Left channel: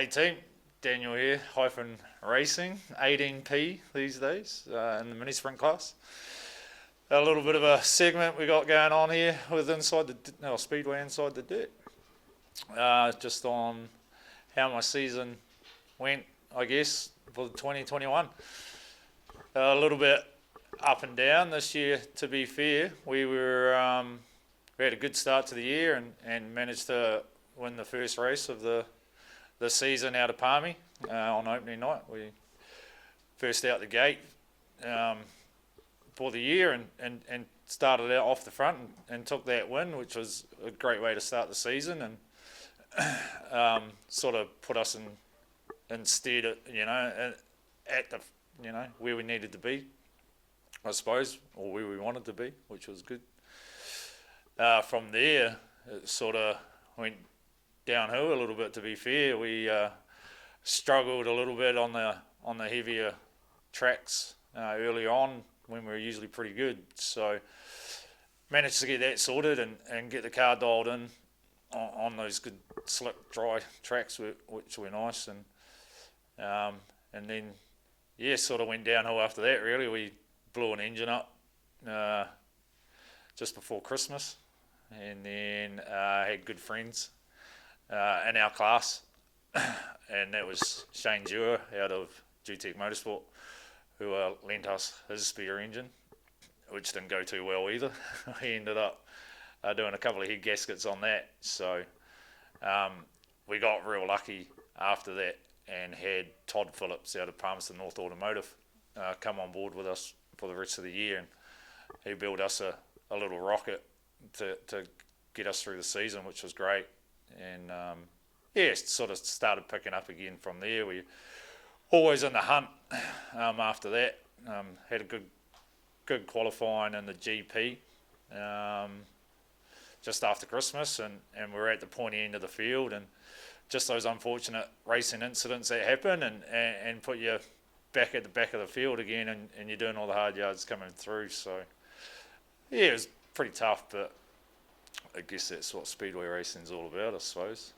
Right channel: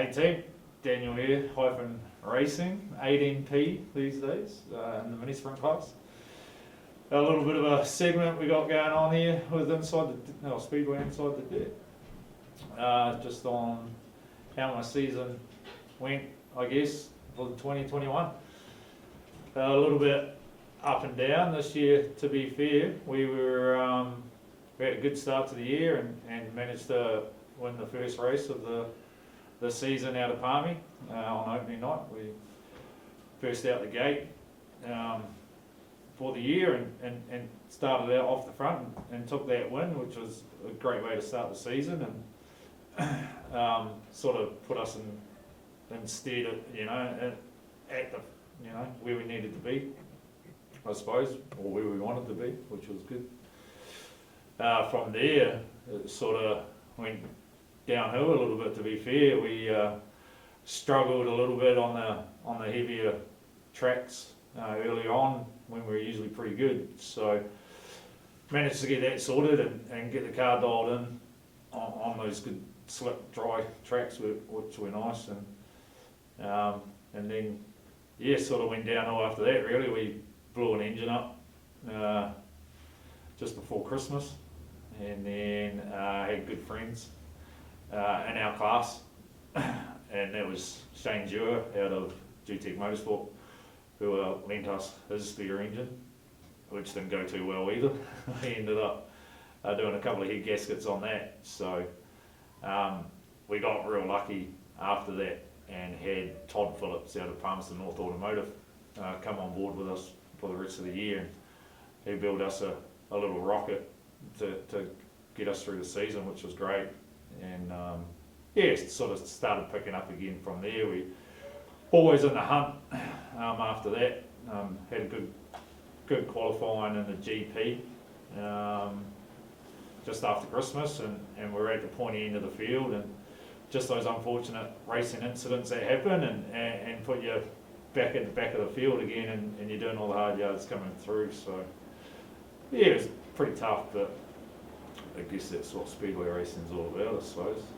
Hey team, Daniel here, hyphen racing, 18p these days in the mini sprint class. A little bit of a segment we got going on here with Speedway inside the dirt. Just on how my season went, I guess, for 2021. A little bit up and down this year, to be fair. We had a good start to the year and managed to win the first race of the season out of Palmy on opening night. We first out the gate for the year and started out off the front and took that win, which was a great way to start the season and sort of put us in stead of, at the, where we needed to be, I suppose, or where we wanted to be, which was good. From there, it sort of went downhill a little bit, to be fair. We struggled a little bit on the heavier tracks early on when we were usually pretty good. So managed to get that sorted and get the car dialed in on those good slick dry tracks, which were nice. And then sort of went downhill after that. Really, we blew an engine up just before Christmas, and then had good friends in our class, and that was Shane Dewar out of GTEC Motorsport, who lent us his spare engine, which didn't go too well either. He ended up doing a couple of head gaskets on that, so we got real lucky after that and had Todd Phillips out of Palmerston North Automotive come on board with us for the rest of the year, and he built us a little rocket to get us through the season, which was great. And sort of started picking up again from there. We always in the hunt after that. Had a good qualifying in the GP just after Christmas, and we're at the pointy end of the field, and just those unfortunate racing incidents that happen and put you back at the back of the field again, and you're doing all the hard yards coming through. So it was pretty tough, but I guess that's what Speedway racing's all about, I suppose.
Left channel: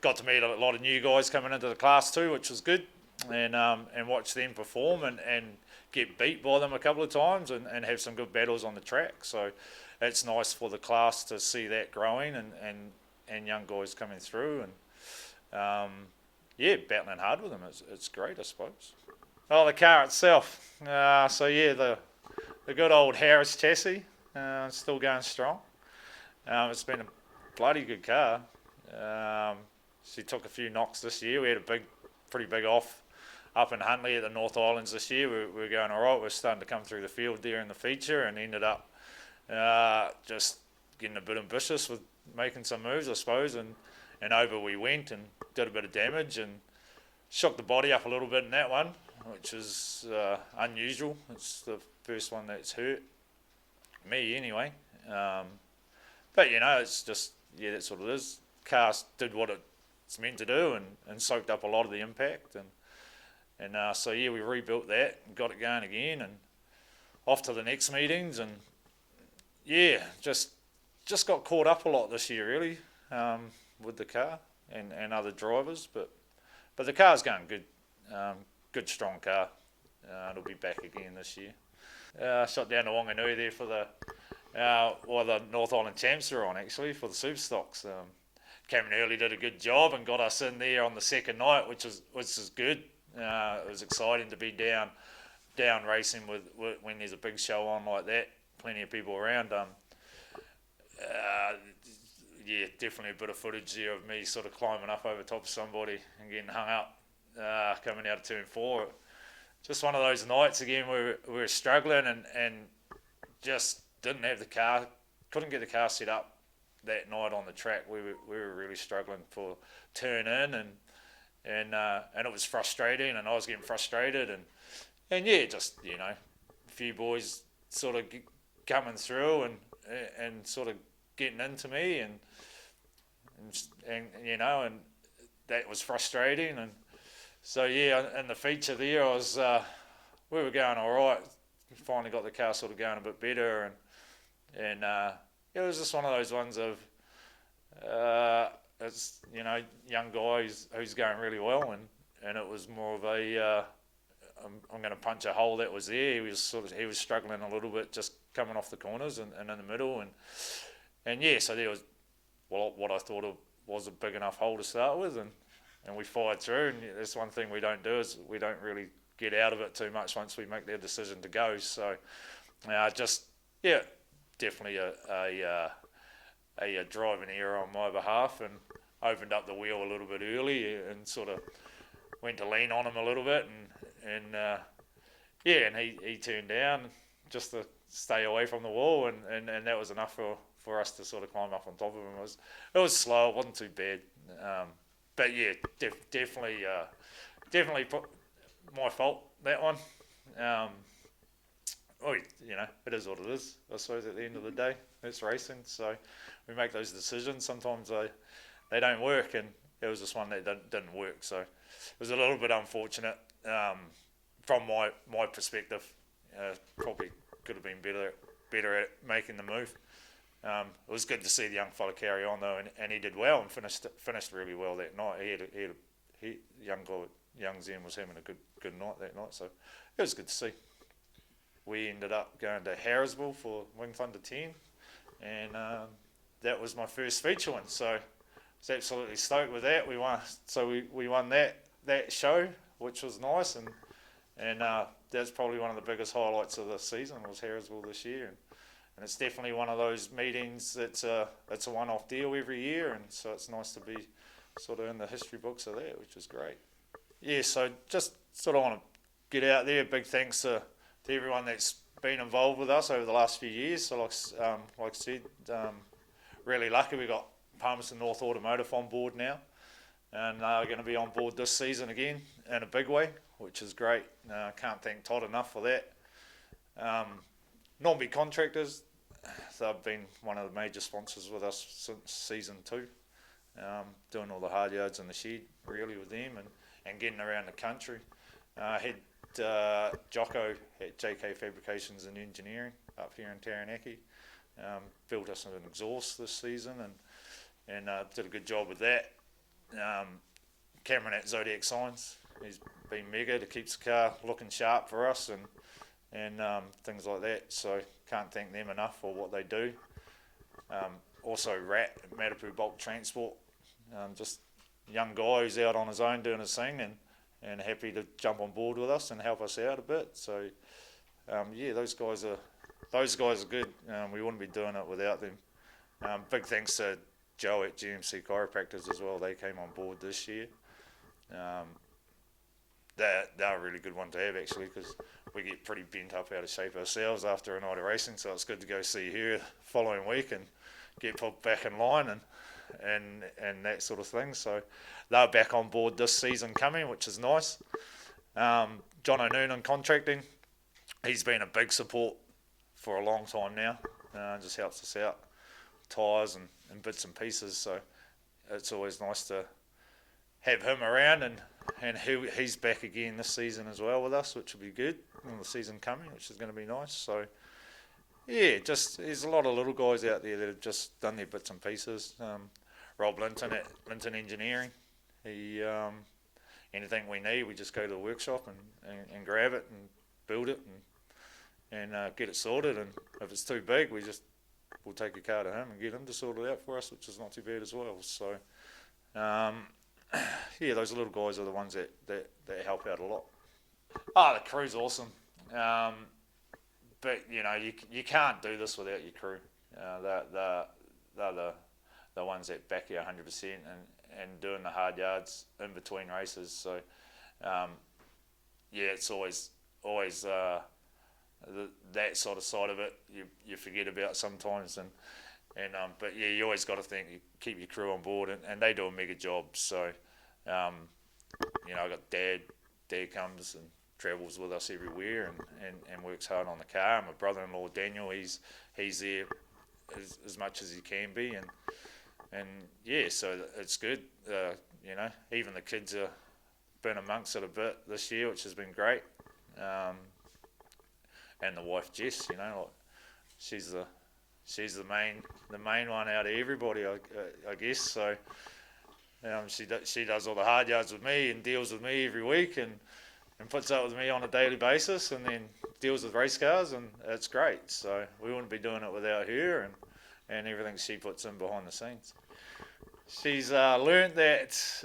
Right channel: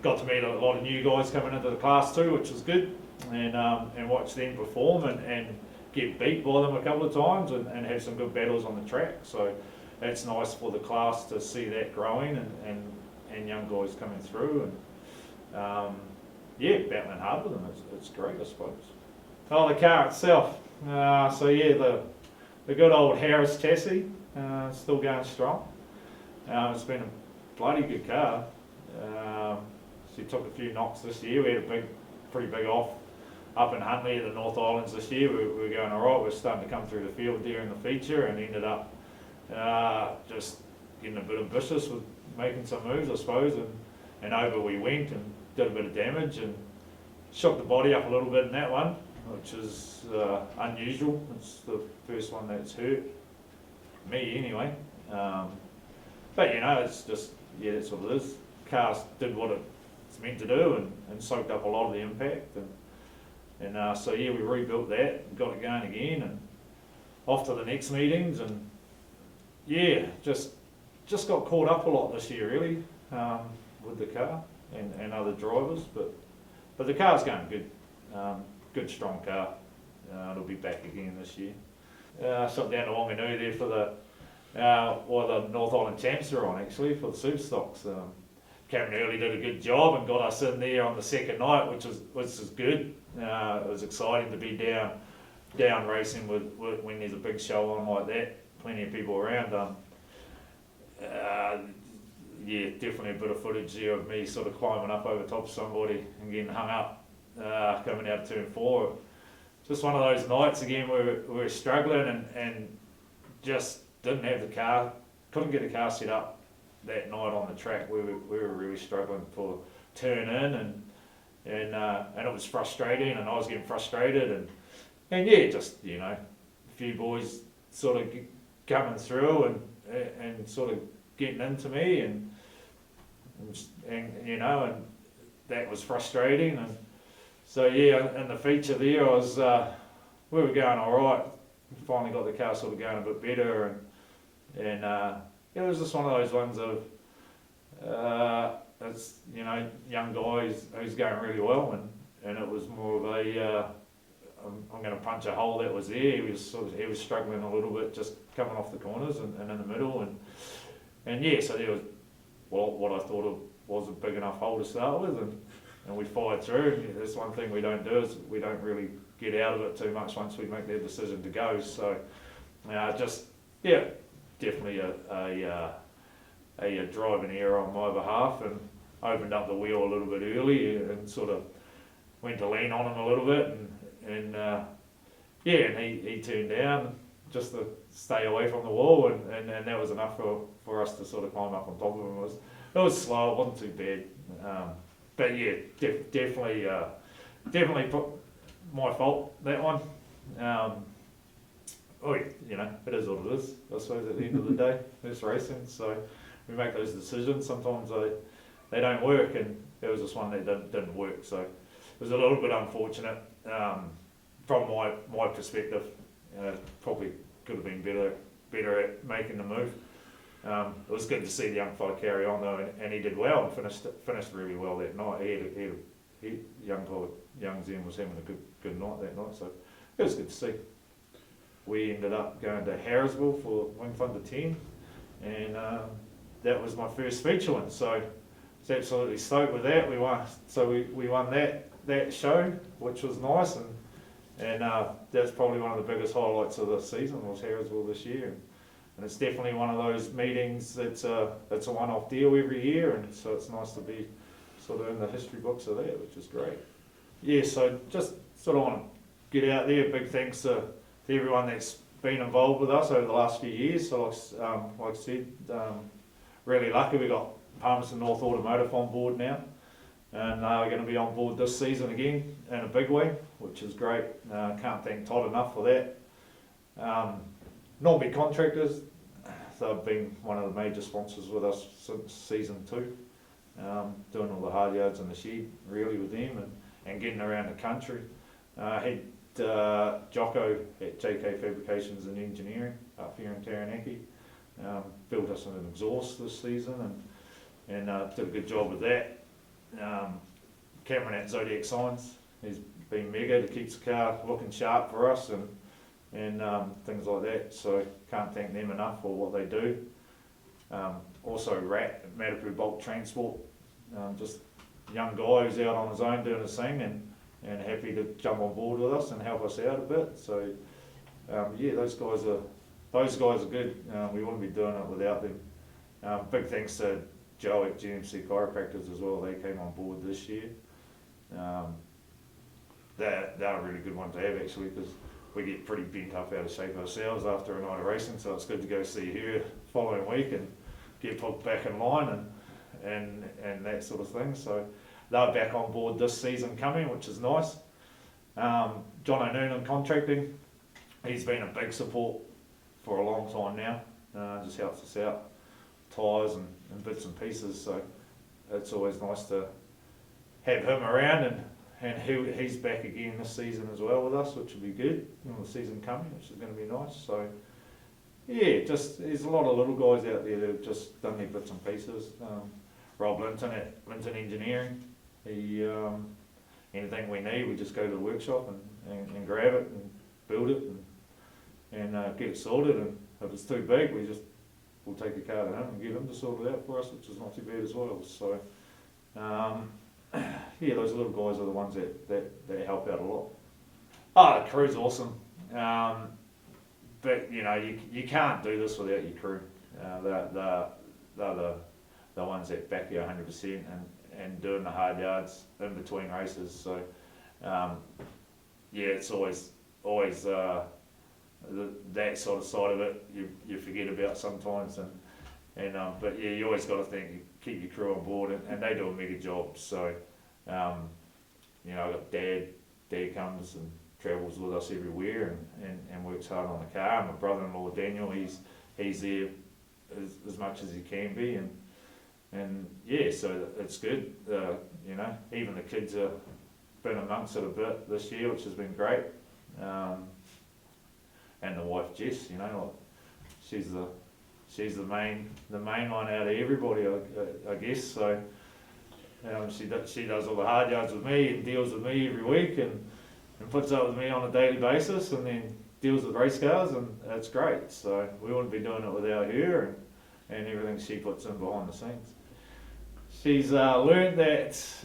Got to meet a lot of new guys coming into the class too, which was good, and watch them perform and get beat by them a couple of times and have some good battles on the track. So it's nice for the class to see that growing and young guys coming through and battling hard with them. It's great, I suppose. Oh, the car itself. The good old Harris chassis, still going strong. It's been a bloody good car. She took a few knocks this year. We had a pretty big off up in Huntley at the North Islands this year. We were going all right. We're starting to come through the field there in the feature, and ended up just getting a bit ambitious with making some moves, I suppose, and over we went and did a bit of damage and shook the body up a little bit in that one, which is unusual. It's the first one that's hurt me anyway. But it's just, that's what it is. Car did what it's meant to do and soaked up a lot of the impact, and we rebuilt that and got it going again, and off to the next meetings, and just got caught up a lot this year really with the car and other drivers, but the car's going good. Good strong car. It'll be back again this year. Shot down to Wanganui there for the North Island Champs are on, actually, for the super stocks. Cameron Early did a good job and got us in there on the second night, which is good. It was exciting to be down racing when there's a big show on like that. Plenty of people around. Definitely a bit of footage there of me sort of climbing up over top of somebody and getting hung up coming out of turn 4. Just one of those nights again where we were struggling and just didn't have the car, couldn't get the car set up that night on the track. We were really struggling for turn in, and it was frustrating, and I was getting frustrated, and just a few boys sort of coming through and sort of getting into me, and that was frustrating, and so in the feature there we were going all right. Finally got the car sort of going a bit better, and it was just one of those ones of it's, you know, young guy who's going really well, and it was more of a, I'm going to punch a hole that was there. He was struggling a little bit just coming off the corners and in the middle, and yeah, so there was what I thought was a big enough hole to start with, and we fired through. And that's one thing we don't do, is we don't really get out of it too much once we make that decision to go. So just, yeah, definitely a driving error on my behalf, and opened up the wheel a little bit early and sort of went to lean on him a little bit, and yeah, and he turned down just to stay away from the wall, and that was enough for us to sort of climb up on top of him. It was slow, it wasn't too bad, but yeah, definitely my fault, that one. You know, it is what it is, I suppose. At the end of the day, it's racing, so we make those decisions. Sometimes they don't work, and it was just one that didn't work. So it was a little bit unfortunate from my perspective. Probably could have been better at making the move. It was good to see the young fella carry on though, and he did well and finished really well that night. Young Zen was having a good night that night, so it was good to see. We ended up going to Harrisville for Wing Thunder 10, and that was my first feature one, so I was absolutely stoked with that. We won, so we won that show, which was nice, and that's probably one of the biggest highlights of the season, was Harrisville this year. And it's definitely one of those meetings that's a one-off deal every year, and so it's nice to be sort of in the history books of that, which is great. Yeah, so just sort of want to get out there. Big thanks to everyone that's been involved with us over the last few years. So like I said, really lucky we got Palmerston North Automotive on board now, and we're going to be on board this season again in a big way, which is great. Can't thank Todd enough for that. Non-big contractors, they've been one of the major sponsors with us since season 2, doing all the hard yards in the shed really with them, and getting around the country. Had Jocko at JK Fabrications and Engineering up here in Taranaki, built us an exhaust this season, and did a good job with that. Cameron at Zodiac Signs, he's been mega to keep the car looking sharp for us, and things like that, so can't thank them enough for what they do. Also Rat at Matapu Bulk Transport, just a young guy who's out on his own doing his thing, and happy to jump on board with us and help us out a bit. So yeah, those guys are good. We wouldn't be doing it without them. Big thanks to Joe at GMC Chiropractors as well. They came on board this year. They're a really good one to have, actually, because we get pretty bent up out of shape ourselves after a night of racing, so it's good to go see her the following week and get put back in line and that sort of thing. So they're back on board this season coming, which is nice. John O'Noonan Contracting, he's been a big support for a long time now. Just helps us out, tyres and bits and pieces, so it's always nice to have him around, and he's back again this season as well with us, which will be good in the season coming, which is going to be nice. So yeah, just there's a lot of little guys out there that have just done their bits and pieces. Rob Linton at Linton Engineering, he anything we need, we just go to the workshop and grab it and build it and get it sorted, and if it's too big, we'll take the car to him and get him to sort it out for us, which is not too bad as well. So yeah, those little guys are the ones that help out a lot. The crew's awesome, but you know, you can't do this without your crew. They're the ones that back you 100% and doing the hard yards in between races. So yeah, it's always that sort of side of it you forget about sometimes, but yeah, you always got to think, you keep your crew on board, and they do a mega job. So you know, I got Dad comes and travels with us everywhere and works hard on the car. My brother-in-law Daniel, he's there as much as he can be, and yeah, so it's good. You know, even the kids have been amongst it a bit this year, which has been great. And the wife Jess, you know, like, she's the main one out of everybody, I guess. So She does all the hard yards with me and deals with me every week and puts up with me on a daily basis and then deals with race cars, and it's great. So we wouldn't be doing it without her and everything she puts in behind the scenes. She's learned that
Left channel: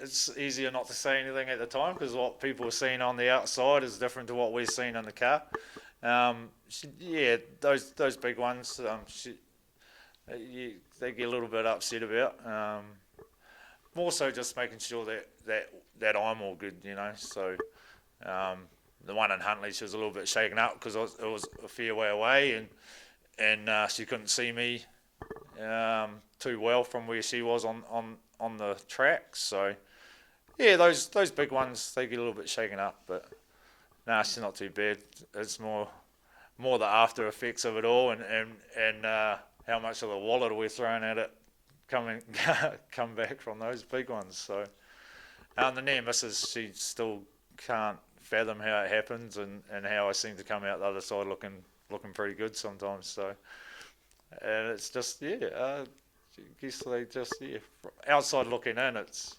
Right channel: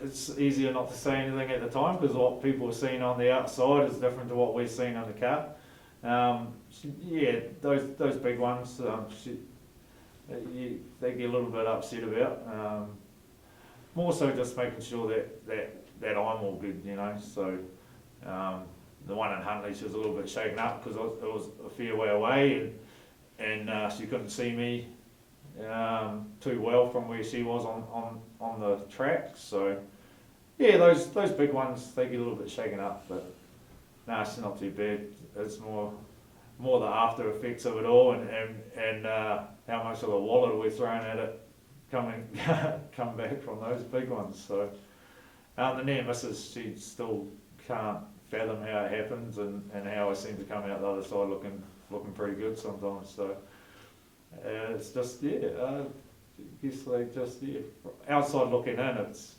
it's easier not to say anything at the time because what people are seeing on the outside is different to what we're seeing in the car. Those big ones, they get a little bit upset about. More so just making sure that I'm all good, you know. So the one in Huntley, she was a little bit shaken up because it was a fair way away, and she couldn't see me too well from where she was on the track. So yeah, those big ones, they get a little bit shaken up, but nah, she's not too bad. It's more the after effects of it all, and how much of the wallet we're throwing at it come back from those big ones. So the near misses, she still can't fathom how it happens and how I seem to come out the other side looking pretty good sometimes. So it's just I guess they just outside looking in, it's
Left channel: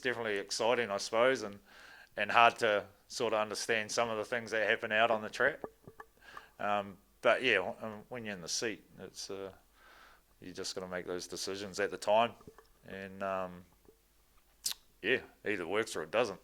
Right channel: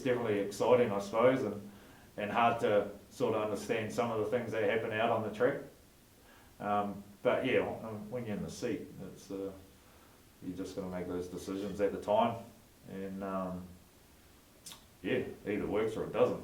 definitely exciting, I suppose, and hard to sort of understand some of the things that happen out on the track. But yeah, when you're in the seat, it's you just got to make those decisions at the time, and either works or it doesn't.